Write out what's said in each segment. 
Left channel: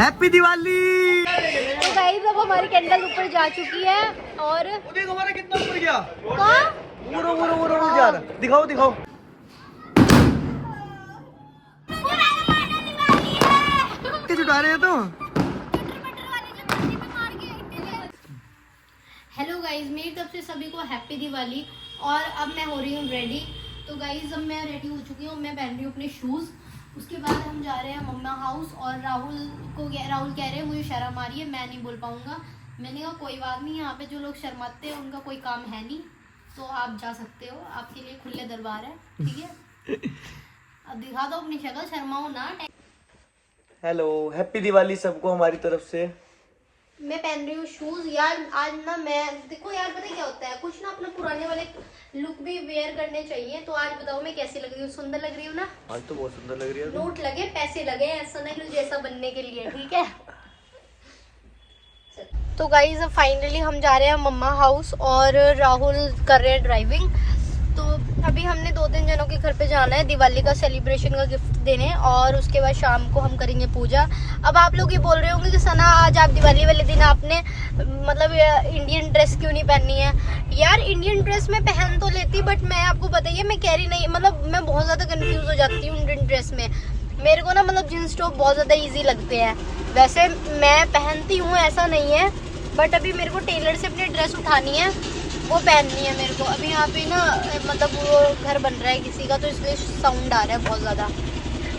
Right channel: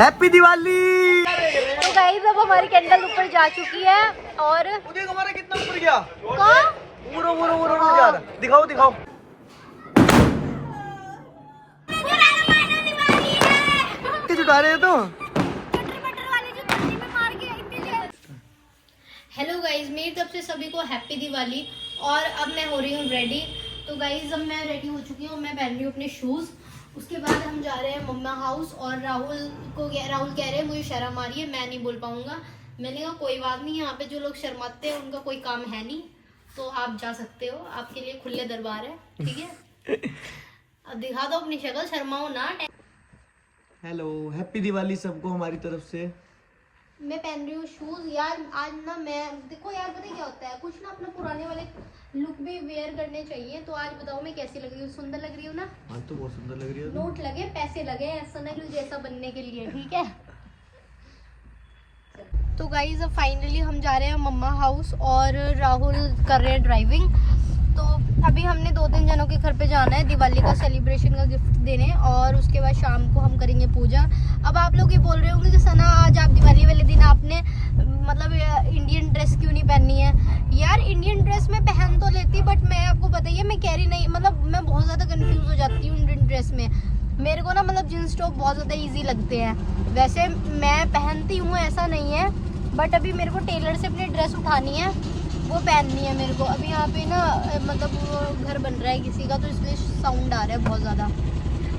Happy Diwali. तो guys अब हमारी कैंडल ऊपर जा चुकी है और तुम्हारा कितना ऊपर गया? कहाँ? पूरा जा रहा। दिखाओ दिखाओ। किस उठा रहे हो तुम? हेलो गाइस, मेरी तरफ से सभी को हैप्पी दिवाली। और अब मैं हो रही हूँ रेडी। तो गाइस अब मैं रेडी हो चुकी हूँ, मैं पहन रही हूँ अपने शूज़। उसके बाद हम जा रहे हैं मम्मा हाउस और राहुल कह रहे हैं मुझे शर्म आ रही है, मैं नहीं बोल पाऊंगा। मैंने कहा कोई बात नहीं, यहाँ पे जो लोग शर्माते हैं उनका कोई काम है नहीं, तो आप जा सकते हो, आपके लिए खुले दरबार है, ठीक है। अब दिखा दो अपनी शक्ल, शर्माओ ना। हेलो, हैप्पी दिवाली सबको हमारी तरफ से। मैं पहन रही हूँ शूज यार। आज ना मैं देखो यार, पता क्या होता है, कुछ ना अपना पुराने वाले लुक भी वेयर करने चाहिए। तो आज बताओ मैं कैसी लग रही हूँ? सुंदर लग रही हूँ ना? आज तो बहुत सुंदर लग रही है। नोट लगे, पैसे लगे, ऐसा नहीं कि जैसा बनने के लिए, ठीक है। तो गाइस अब फाइनली हम जा रहे हैं मम्मा हाउस और राहुल कर रहे हैं ड्राइविंग। तो अभी हमने 2-3 जनों के घर पे जाना है दिवाली का सेलिब्रेशन का गिफ्ट देने, और उसके बाद शाम को हम करेंगे पूजा। अब आप लोग ये बोल रहे होंगे कि सना आज आप दिवाली वाले दिन आपने मतलब इंडियन ड्रेस क्यों नहीं पहनी है? यार इंडियन ड्रेस मैं पहन तो लेती, बट मैं आपको बताइए मैं कैरी नहीं, मतलब मैं बहुत ज़्यादा कंफ्यूज हो जाती हूँ इंडियन ड्रेस में। मेरे को ना मतलब जींस टॉप बहुत ज़्यादा ईजी लगते हैं। वैसे मैं पहनती हूँ, ऐसा नहीं है, बट अभी मेरे को टेलर से अपनी ड्रेस उठानी है, वो पहननी है मेरे को। अभी यहाँ पे ना मतलब वो घर बन रहा है किसी का, तो इसलिए साउंड आ रहा है बहुत ज़्यादा।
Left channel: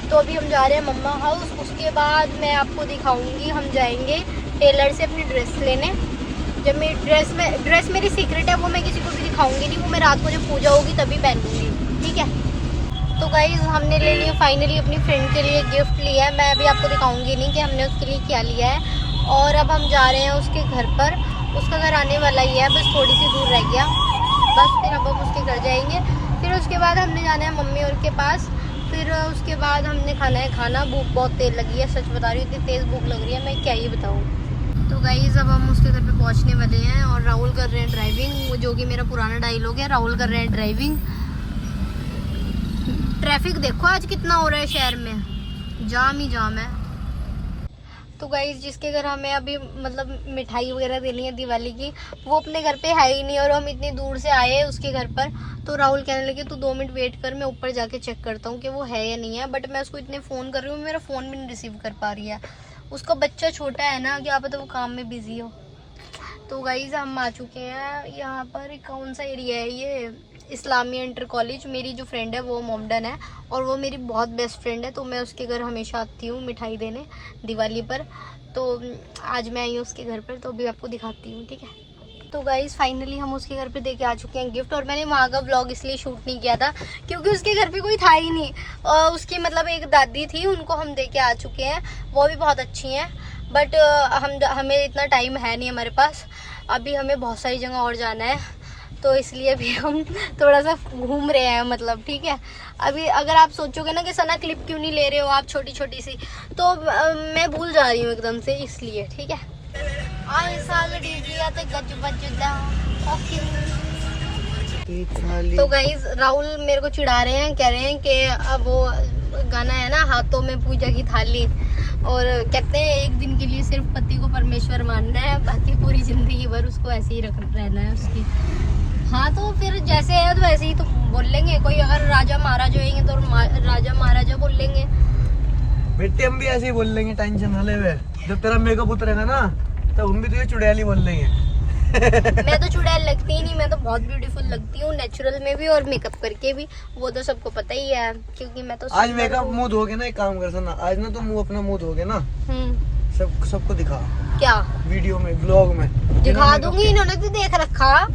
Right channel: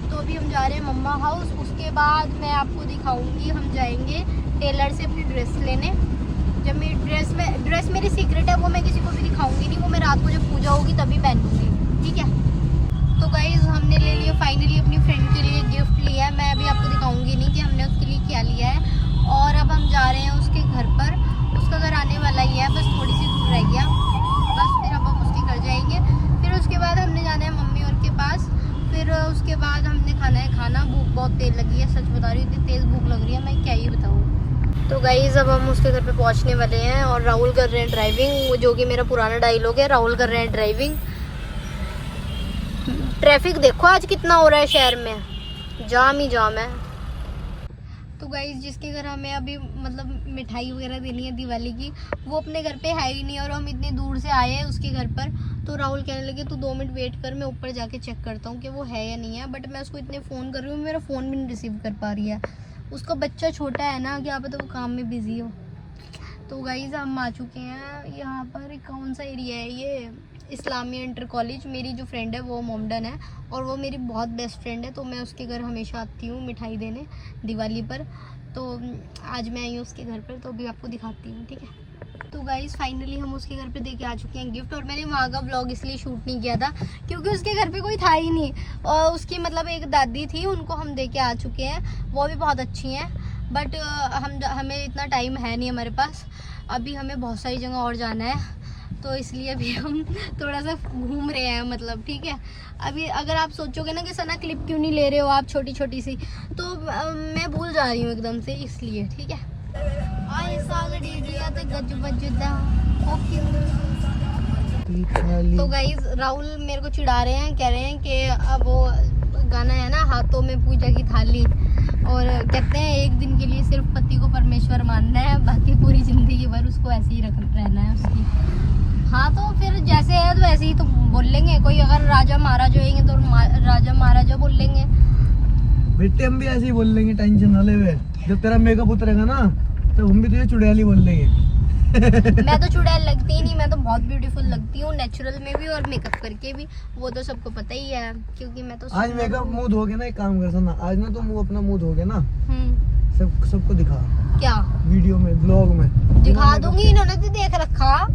तो अभी हम जा रहे हैं मम्मा हाउस। उसके बाद मैं आपको दिखाऊंगी, हम जाएंगे टेलर से अपनी ड्रेस लेने। जब मेरी ड्रेस मेरी सीक्रेट है, वो मैं किसी को भी दिखाऊंगी नहीं, वो मैं रात को जब पूजा होगी तभी पहन लूँगी, ठीक है। तो गाइज हमने ले लिया फाइनली, अपनी फ्रेंड के लिए गिफ्ट लिया है। मैं अभी आपको दिखाऊंगी नहीं कि हमने उसके लिए क्या लिया है। और अब हम जा रहे हैं उसके घर पर। उसका घर आने वाला ही है, बस थोड़ी सी दूर रह गया, बस फिर अब हम उसके घर जाएंगे। फिर उसके बाद हमने जाना है मम्मी और के पास। फिर उसके बाद हमने खाना है खाना। भूख बहुत तेज लगी है, सच बता रही हूँ, इतनी तेज़ भूख लग रही है, मैं क्या ही बताऊँ। तो गाइज़ अब हम उसके घर पे पहुँचने वाले हैं और राहुल कर रहे हैं ड्राइविंग, वो जो कि मेरा पुराना डायलॉग है, राहुल कर रहे हैं ड्राइविंग। ट्रैफिक देखो आज कितना हो रहा है शहर में, जाम ही जाम है। तो गाइस जिसके घर हमें अभी मतलब मिठाई वगैरह देनी है दिवाली की, वो अपने घर पे है ही नहीं, और हम इतनी दूर से आए हैं उसके घर पर। तो राहुल कहने लगे तू 2 मिनट वेट कर, मैं ऊपर जाके चेक करता हूँ कि वो है या नहीं है। बट मैं उसको इतने फ़ोन कर रही हूँ, मेरा फ़ोन भी नहीं रिसीव कर पा रही है। उसका बच्चा छोटा है ना, क्या पता वो काम में बिजी हो। तो गाइस हम आ चुके हैं यहाँ पर। कौन सा एरिया है ये? Islamia inter college. मेरी जो फ्रेंड है वो मोमडन है और वो मेरी बहुत बेस्ट फ्रेंड है, तो मैं उसके घर हमेशा आती हूँ मिठाई देने दिवाली पर। तो आज मैं आई हूँ उसके घर पर, तो अभी आपको दिखाती हूँ, ठीक है। तो गाइज़ फाइनली हम उसके घर पे दे के आ चुके हैं गिफ्ट। और मैंने वहाँ का व्लॉग इसलिए शूट नहीं किया था क्योंकि उसके घर पे कोई था ही नहीं। और उसकी मतलब एक दादी थी, उनको हम दे के आ चुके हैं, वो भी बहुत अच्छी हैं। बट हमें इतना टाइम है नहीं हमारे पास, अभी हमें बहुत सारी जगह और जाना है, तो इसलिए अभी हम थोड़ा सा घूम रहे हैं, मतलब ठीक है। अभी अगर आप सोचोगे ना कि सना क्लिप क्यों नहीं ले रहे हो आप छोटी छोटी सी, तो मैं भूल जा रही हूँ एकदम से, इसलिए, ठीक है। आए साल डीजिया तो गज बजदा ओके। तो गाइस राहुल मेरे को चिढ़ा रहे हैं, कह रहे हैं कि अब वो गाना है ना हाथों में पूजा की थाली, और कहते हैं एक दिन के लिए सिर्फ पति को परमेश्वर मानना है, बाकी पूरी जिंदगी भर उसको ऐसे ही रहना है उसकी। हाँ तो फिर जैसे है तो ऐसे ही तो बोल लेंगे। कोई अगर राजा महाराजा होंगे तो राजा महाराजा बोल लेंगे। बेटे हम भी ऐसे ही बोल लेंगे, टेंशन ना ले। जब तेरा मेकअप उतरेगा ना तो हम भी तुझे चुड़ैली बोल लेंगे। मैं तो चुड़ैल लगती ही नहीं, मैं तो बहुत ब्यूटीफुल लगती हूँ, नेचुरल में भी और मेकअप करके भी, वो तो सबको पता ही है, क्योंकि मैं तो आज मेकअप मुंह धोगे ना, एक काम कर सुना, आज ना तुम अपना मुंह धोगे ना, सबको दिखा। क्या? वीडियो में, ब्लॉग में दिखा दूंगी, इन्होंने तो देख रखा।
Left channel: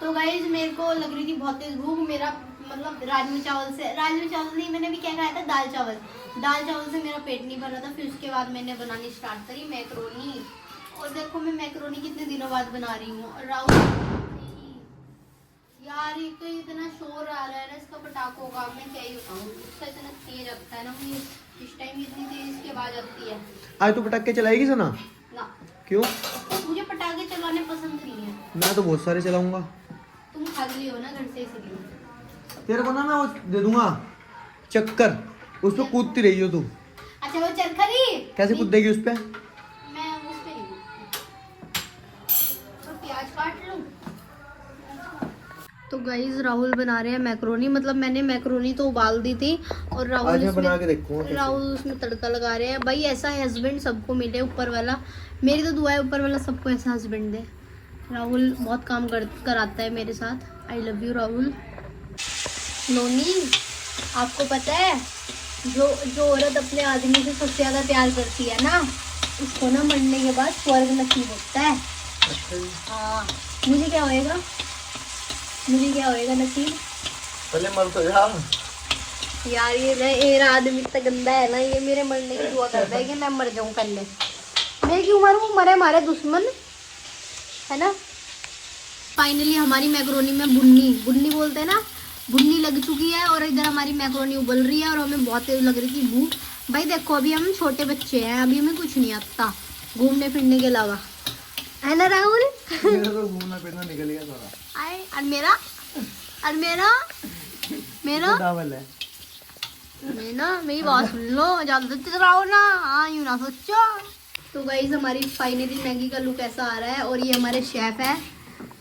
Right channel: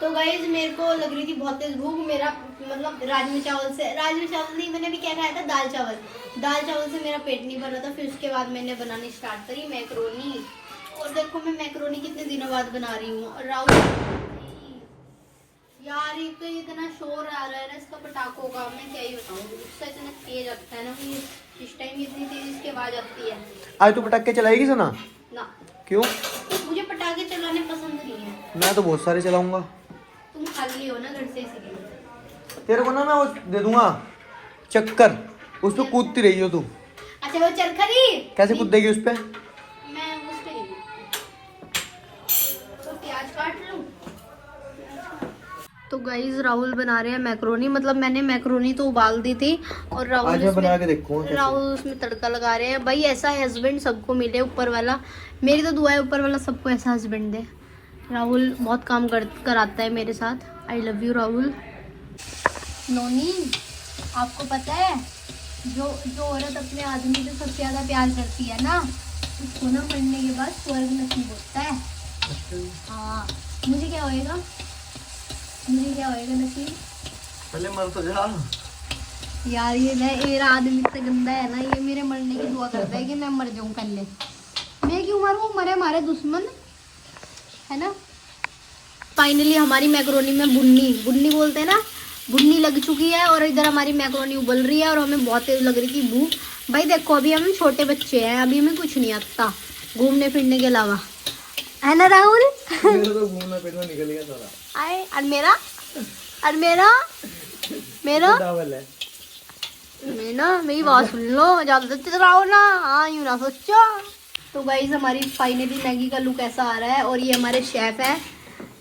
तो गाइस मेरे को लग रही थी बहुत तेज भूख, मेरा मतलब राजमा चावल नहीं, मैंने भी क्या खाया था, दाल चावल से मेरा पेट नहीं भर रहा था। फिर उसके बाद मैंने बनानी स्टार्ट करी मैक्रोनी, और देखो मैं मैक्रोनी कितने दिनों बाद बना रही हूँ। और राहुल यार एक तो इतना शोर आ रहा है ना इसका पटाखों का, मैं क्या ही बताऊँ, इसका इतना तेज लगता है ना मुझे, इस टाइम इतनी तेज इसकी आवाज आती है। आज तो पटाखे चलाएगी सना? ना। क्यों? तो मुझे पटाखे चलाने पसंद नहीं है। मैं तो बहुत सारे चलाऊंगा। तुम खाली हो ना घर से, इसीलिए। तेरे को ना मैं वो दे दूंगा चक्कर, उस पे कूदती रही हो तू। अच्छा वो चरखरी कैसे कूदेगी उस पे? मैं उस पे तो प्याज काट लूं। तो गाइस राहुल बना रहे हैं मैक्रोनी, मतलब मैंने मैक्रोनी तो उबाल दी थी और आज मैं बना के देखूंगा कैसे। राहुल उसमें तड़का लगा रहे हैं। भाई ऐसा हस्बैंड सबको मिले ऊपर वाला, मेरी तो दुआ है ऊपर वाला सबको ऐसा हस्बैंड दे। राहुल बहुत काम कराता है मेरे साथ। I love you Rahul. Noni आपको पता है जो औरत अपने आदमी से सबसे ज्यादा प्यार करती है ना, उसको ना मरने के बाद स्वर्ग नसीब होता है। हाँ मुझे क्या होएगा नसीब? पहले मर तो जा यार ये आदमी इतना गंदा है ना, ये मेरे मरने की दुआ करता है कि मैं मर जाऊं पहले। मैं क्यों मरूं, मरे हमारे दुश्मन है ना। फाइनली हमारी मैक्रोनी में बुन्नी बोलते हैं ना, बुन्नी लग चुकी है और इधर हमारी मैक्रोनी उबल रही है और हमें बहुत तेज लग रही थी भूख। भाई देखो अभी हम छोटे बच्चे हैं, अभी हमें कुछ नहीं आता घूमने फिरने के अलावा, है ना राहुल? मेरा तो घूमना फिरना निकल गया सारा। आए और मेरा डावल है। मेरी बात सुन लो, ज्यादा चिल्लाओ ना, हाँ यूं ना सोचो। तो गाइस हमारी फाइनली मैगी का लुक ऐसा आ रहा है और ये हमारे शेफ है।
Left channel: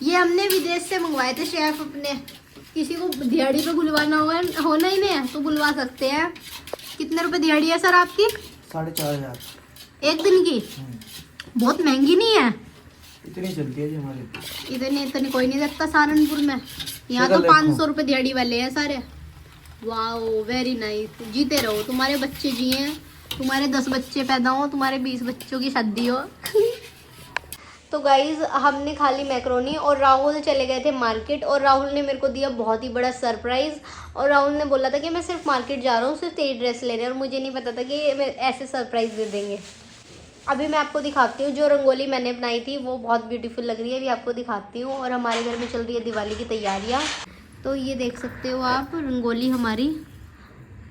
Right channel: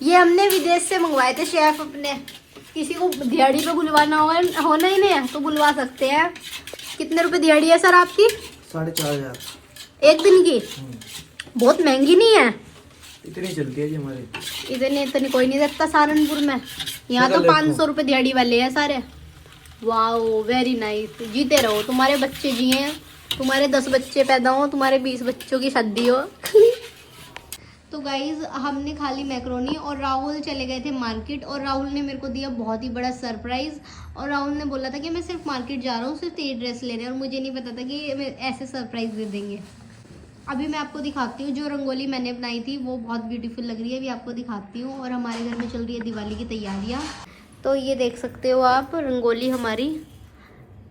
ये हमने विदेश से मंगवाए थे शेफ अपने। किसी को दिहाड़ी पे बुलवाना होना ही नहीं है तो बुलवा सकते हैं। कितने रुपए दिहाड़ी है सर आपकी? 4,500 एक दिन की। बहुत महंगी नहीं है? इतनी चलती है जी हमारे। इतनी कोई नहीं देता सहारनपुर में, यहाँ तो 500 रुपए दिहाड़ी वाले हैं सारे। Wow very nice. जीते रहो, तुम्हारे बच्चे जिए, तुम्हारे 10 बच्चे पैदा हो, तुम्हारे 20 बच्चों की शादी हो। तो गाइज हमने खा ली मैक्रोनी और राहुल चले गए थे मार्केट और राहुल ने मेरे को दिया बहुत ही बड़ा सरप्राइज़। और राहुल ने बोला था कि मैं सिर्फ मार्केट जा रहा हूँ, सिर्फ तेरी ड्रेस लेने, और मुझे नहीं पता था कि ऐसे सरप्राइज़ दे देंगे। अभी मैं आपको दिखाती हूँ जो रंगोली मैंने बनाई थी, वो बहुत ब्यूटीफुल लग रही है, अभी आपको दिखाती हूँ। और हमारे घर में चल रही है दिवाली की तैयारियाँ, तो ये देख सकते हो आप रंगोली हमारी,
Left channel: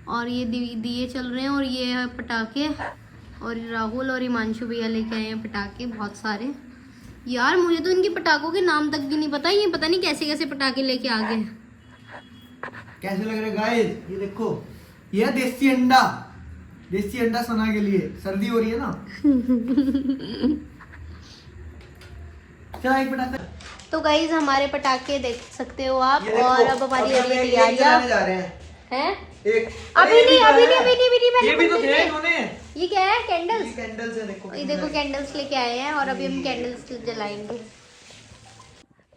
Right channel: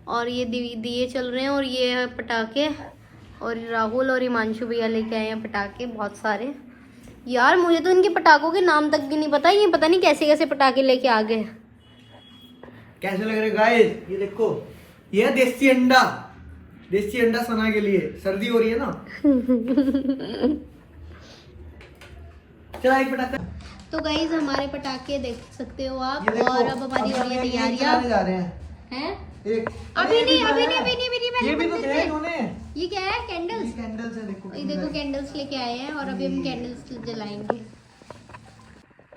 और ये दिए चल रहे हैं और ये है पटाखे, और राहुल और हिमांशु भैया लेके आए हैं पटाखे बहुत सारे। यार मुझे तो इनके पटाखों के नाम तक भी नहीं पता, ये पता नहीं कैसे कैसे पटाखे लेके आ गए। कैसे लग रहे गाइस? ये देखो, ये देसी अंडा सना के लिए, सर्दी हो रही है ना। चला एक पटाखा। तो गाइस हमारे पटाखे देख सकते हो आप। और अब हमारी तैयारियां जा रहे हैं। एक अभी नहीं ये भी तो थे इन्होंने। ये क्या है? कैंडल्स। ये कैंडल्स है, देखो ये देखो कैंडल्स लेके आए हैं और अभी हम कैंडल्स जलाएंगे।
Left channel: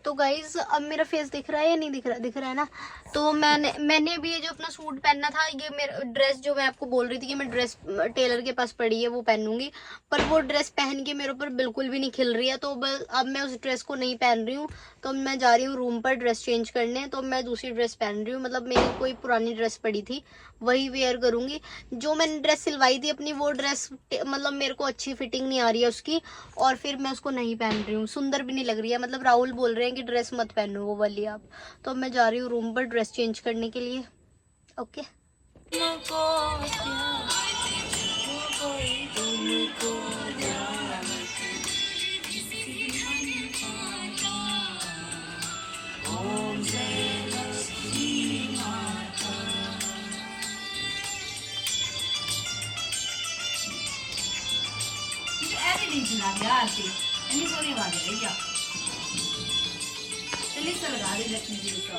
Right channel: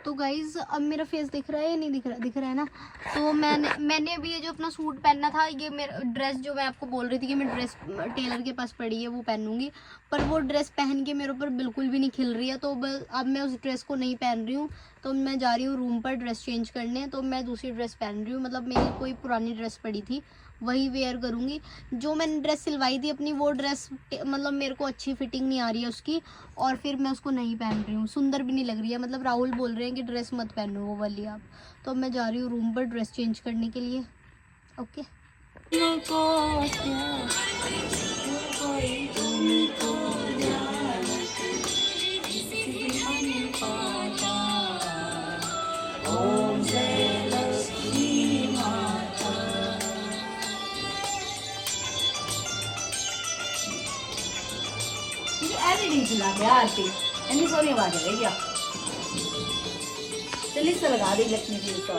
तो गाइज अब मेरा फेस दिख रहा है या नहीं दिख रहा? दिख रहा है ना। तो मैंने अभी ये जो अपना सूट पहनना था, ये मेरा ड्रेस जो मैं आपको बोल रही थी कि मैं ड्रेस टेलर के पास पड़ी है वो पहनूंगी, पर वो ड्रेस पहन के मेरे ऊपर बिल्कुल भी नहीं खिल रही है। तो अब मैं उस ड्रेस को नहीं पहन रही हूँ, तो मैं जा रही हूँ रूम पर ड्रेस चेंज करने। तो मैं दूसरी ड्रेस पहन रही हूँ, मतलब मेरी कोई पुरानी ड्रेस पड़ी थी वही वेयर करूँगी। जो मैंने ड्रेस सिलवाई थी अपनी, वो ड्रेस मतलब मेरे को अच्छी फिटिंग नहीं आ रही है उसकी, और फिर मैं उसको नहीं पहन रही हूँ, सुंदर भी नहीं लग रही है। मतलब राहुल बोल रहे हैं कि ड्रेस मत पहनो वो वाली आप। तो मैं जा रही हूँ रूम पर ड्रेस चेंज करने के लिए। ओके। सोनी आवाज है भैया, चलिए इसका लगा दी लक्ष्मी जी का।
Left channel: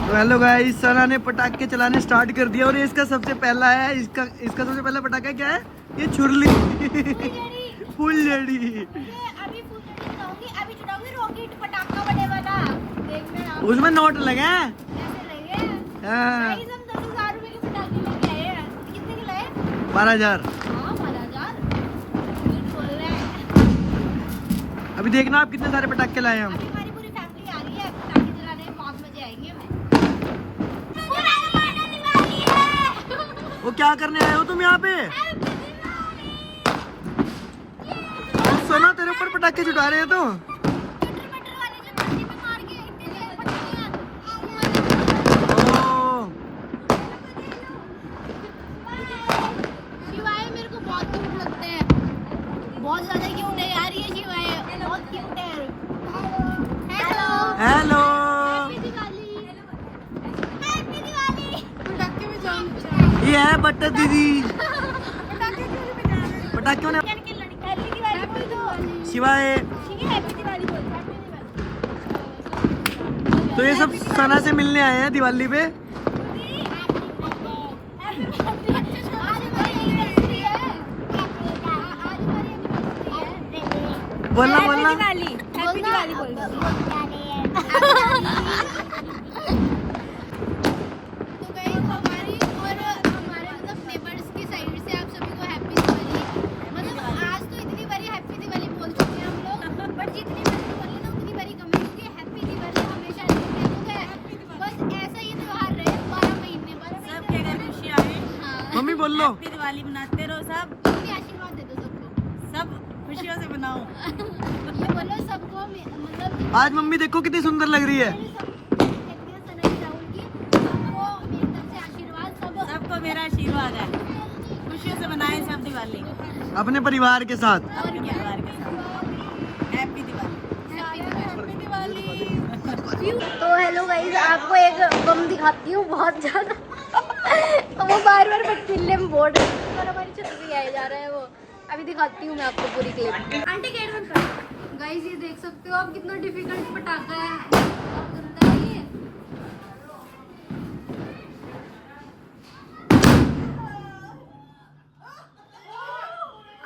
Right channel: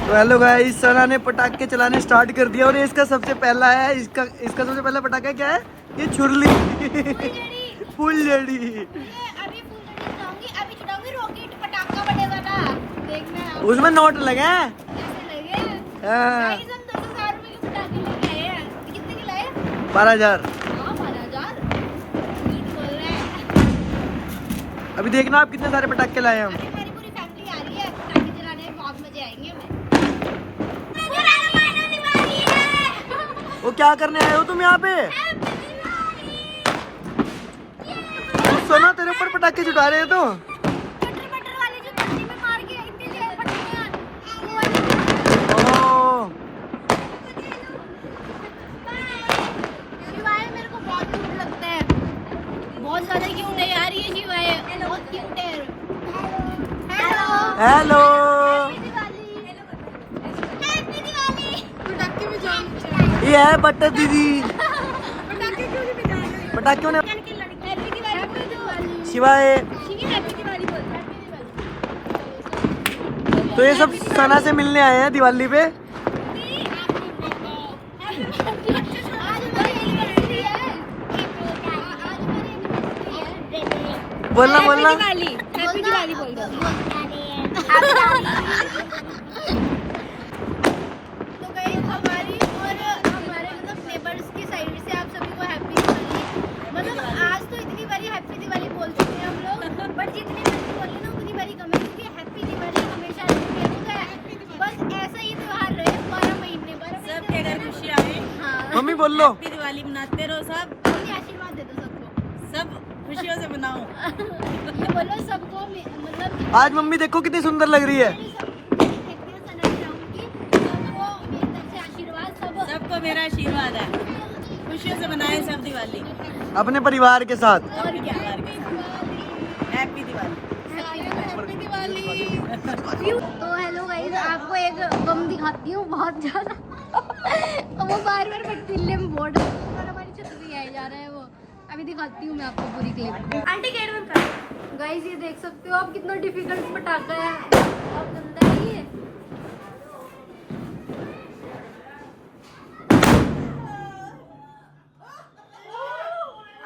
तो हेलो गाइस, सना ने पटाखे चलाने स्टार्ट कर दिया और ये इसका सबसे पहला है। इसका सबसे पहला पटाखा क्या है? ये छुरली फुलझड़ी। उसमें नोट लगे हैं। हाँ 12,000। अभी देखना आप कितने सारे पटाखे लाए हम। क्या करने आए हो तुम यहाँ पे? सोना तेरे ऊपर पटाखे छुटा रहे हैं तो। बहुत ज्यादा क्यों नहीं यार, ये शिवाय बहुत क्यूट है। हेलो। ये है बटर दीदी। पटाखे ने शिवाय। तो ये सब सना से मिलने आए हैं दिवाली पे। बोलना बोलना। हैप्पी दिवाली बोल दो। तो गाइस हमारी और हमारे मतलब नेबर्स की साइड से आप सभी को हैप्पी दिवाली। मतलब आज तो इतनी बारी हैप्पी दिवाली बोल चुके हैं हम लोग, बट जितनी बारी बोले ना उतनी बारी कम है, क्योंकि हैप्पी दिवाली हमेशा रहती है। बस ऐसा ही त्योहार रहे 12 महीने सबके घर खुशी आए। हाँ मम्मी बोल लो। हैप्पी दिवाली मनाते रहो सब। मम्मी आशीर्वाद दे दो सबको। सब खुशियों से मनाओ। ये बोलो सबको मतलब आज मम्मी देखो कितनी सुंदर लग रही है। सबको मेरा आशीर्वाद है। खुशियों से मनाएं सब दिवाली अपने परिवार के साथ। और क्या के साथ। हैप्पी दिवाली। हैप्पी दिवाली। तो हेलो गाइस, आपको एक बम दिखाती हूँ बहुत ज्यादा। वो बार बार पटकिल्ले में बोल रहे हैं और हमारी छत पे आया जा रहा है वो। अभी दिखाती हूँ मैं आपको पूरी क्लिप। गाइस ये देख सकते हो आप, कितना डिफिकल्ट पटाखा है और गंदा है ये।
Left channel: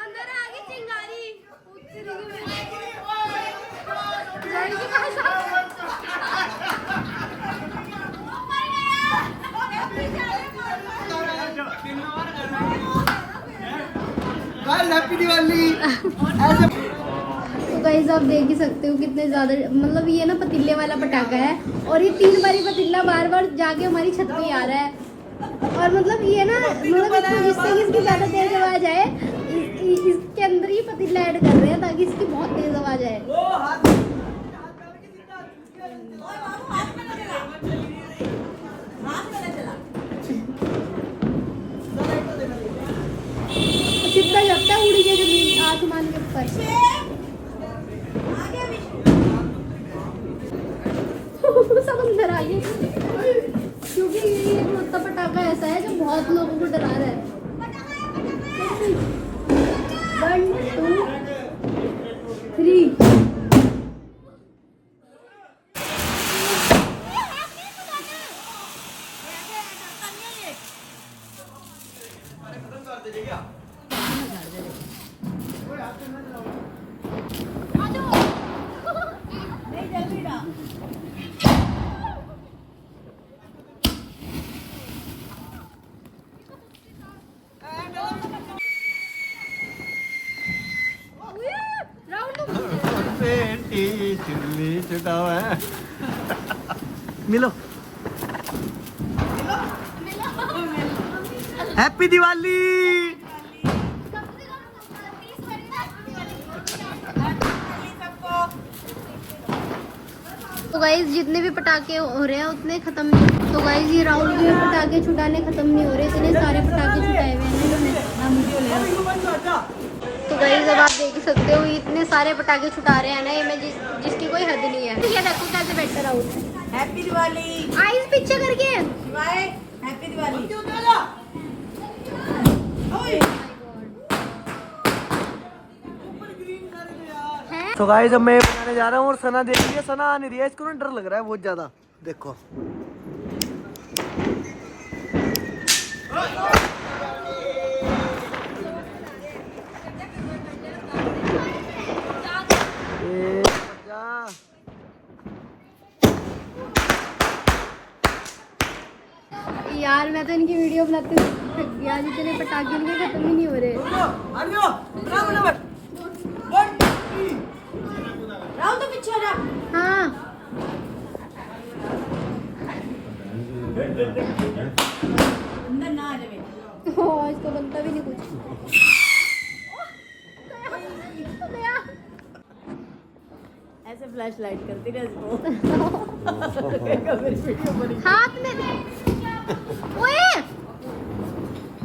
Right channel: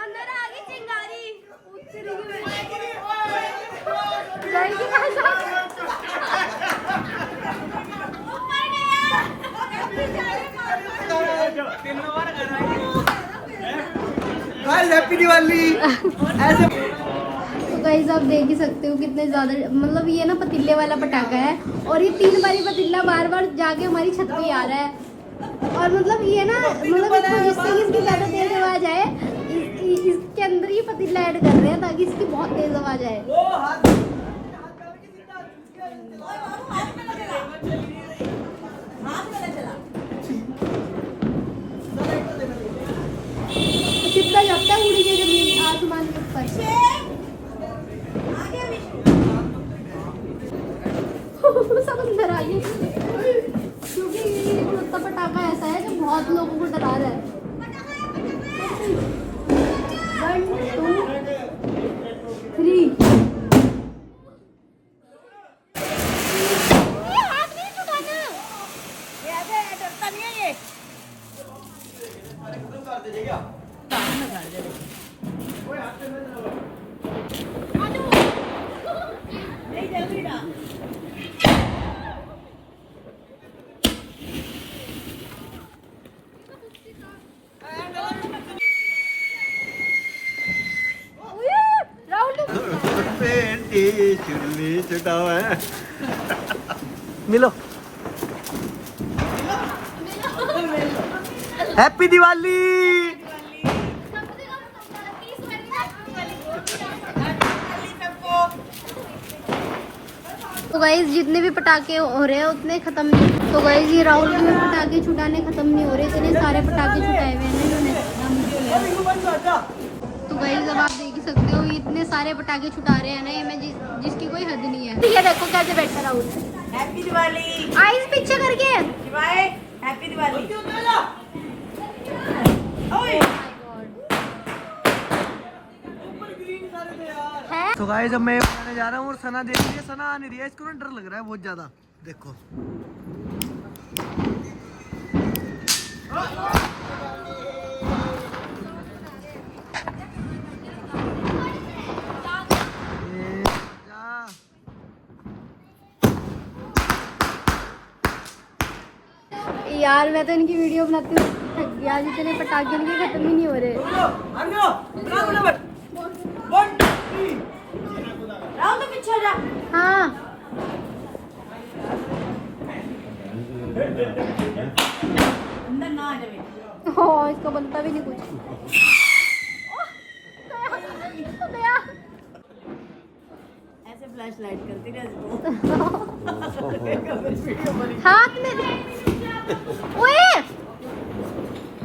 अंदर आ गई चिंगारी। लड़की पास आ गई। हैप्पी दिवाली। ऐसे गाइस आप देख ही सकते हो कितने ज्यादा, मतलब ये ना पतीले वाला पटाखा है और ये 3 बारी पतीला बार बार जाके हमारी छत पे आ रहा है। और मतलब ये ना मतलब जिससे इसकी ज्यादा तेज आवाज आए, इसके अंदर ही पतीला ऐड कर रहे हैं ताकि इसकी बहुत तेज आवाज आए। चिपका लगता है उड़ी के जमीन आसमान के ऊपर। सब अंदर आ गई, क्योंकि ये छोटा पटाखा ऐसा है जो बहुत लोगों को डरा रहा है। 1 2 3। मिलो। हैप्पी दिवाली। तो गाइस जितने भी पटाखे हो रहे हैं उतने खत्म नहीं। तो गाइस ये राहुल भी पटाखे छुटाने खत्म नहीं हो रहे, इतने सारे पटाखे छुटाए हुए हैं। तो गाइस अब आप देख ही सकते हो इतने सारे पटाखे छुटा रहे हैं ना, ये मैं जिसकी कोई हद नहीं है। ये देखो कैसे बैठे राहुल। हैप्पी दिवाली। आईज पीछे करके। हैप्पी दिवाली। तो गाइस अब मैं बनाने जा रहा हूँ और सना देख रही है। सना आ नहीं रही है, इसको ना डर लग रहा है बहुत ज्यादा। देखो यार मैं तो इनकी वीडियो बनाती हूँ, आज इतने पटाखे इनके खत्म ही नहीं हो रहे। हाँ अंदर ना आ जाए। ओ फ्लैश लाइट करती रहती हाथ में दे। ओए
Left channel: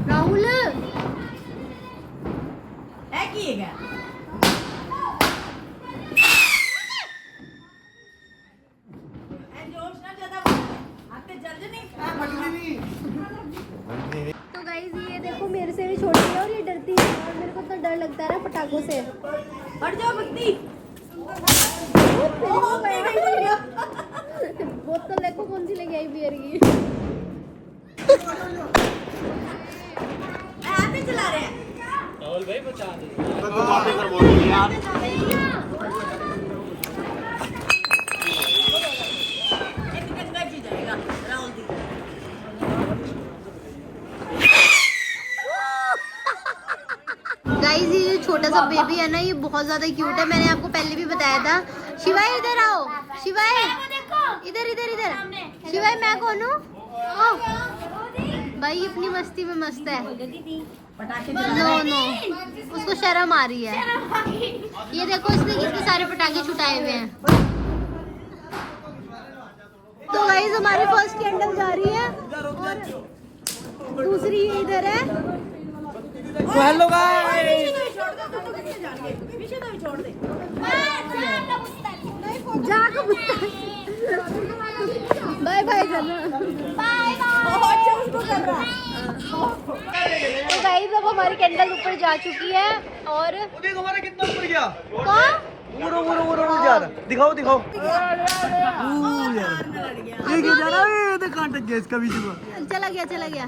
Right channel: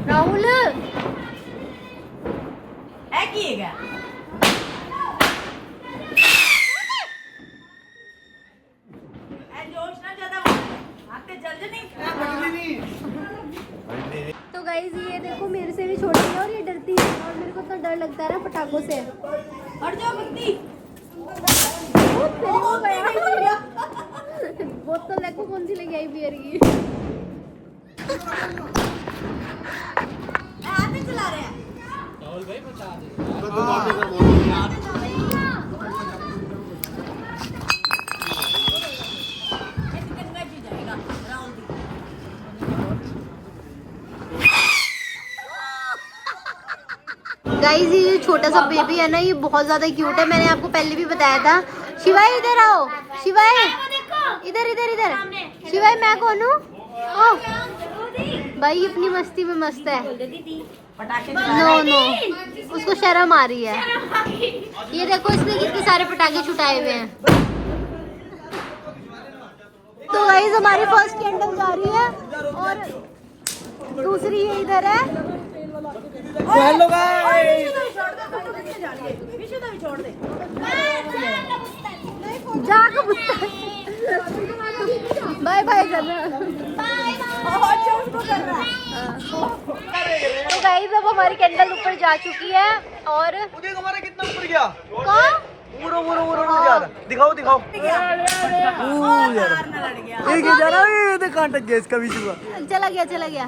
राहुल है की है जोश ना ज्यादा आके जल्दी नहीं तो गाइस ये देखो मेरे से भी छोटी है और ये डरती है और मेरे को तो डर लगता है ना पटाखों से। हट जाओ बत्ती बोतल देखो कौन सी लेके आई बियर की। ऐसे चला रहे हैं एक गंगा जी जाएगा राहुल दी गाइस ये जो छोटा सा बेबी है ना ये बहुत ज्यादा क्यूट है। मैंने आपको पहले भी बताया था। शिवाय इधर आओ, शिवाय इधर इधर इधर। शिवाय मैं कौन हूँ? भाई अपनी मस्ती में मस्त है। नो नो उसको शर्म आ रही है। ये देखो इसने कितने सारे पटाखे छुटाए हुए हैं। तो गाइस हमारे फर्स्ट कैंडल जा रही है और दूसरी ये इधर है। हेलो गाइस, छोड़ दे जा कबूतर बाय बाय करना। तो गाइस अब हमारी कैंडल ऊपर जा चुकी है और तुम्हारा कितना ऊपर गया? कौन पूरा पूरा पूरा ऊपर जा रहा। दिखाओ दिखाओ। यार एक ही जा रहा है। ये देख कांटा गया इसका भी चुका। चला गया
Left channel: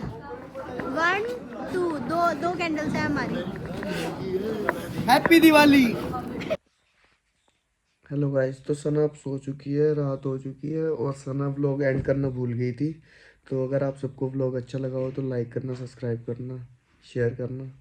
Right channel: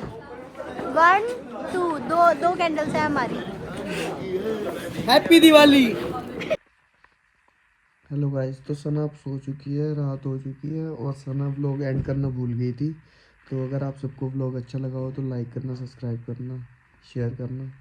1 2 दो कैंडल्स है हमारी। हैप्पी दिवाली। हेलो गाइस, तो सना अब सो चुकी है, रात हो चुकी है और सना व्लॉग एंड करना भूल गई थी। तो अगर आप सबको व्लॉग अच्छा लगा हो तो लाइक करना, सब्सक्राइब करना, शेयर करना।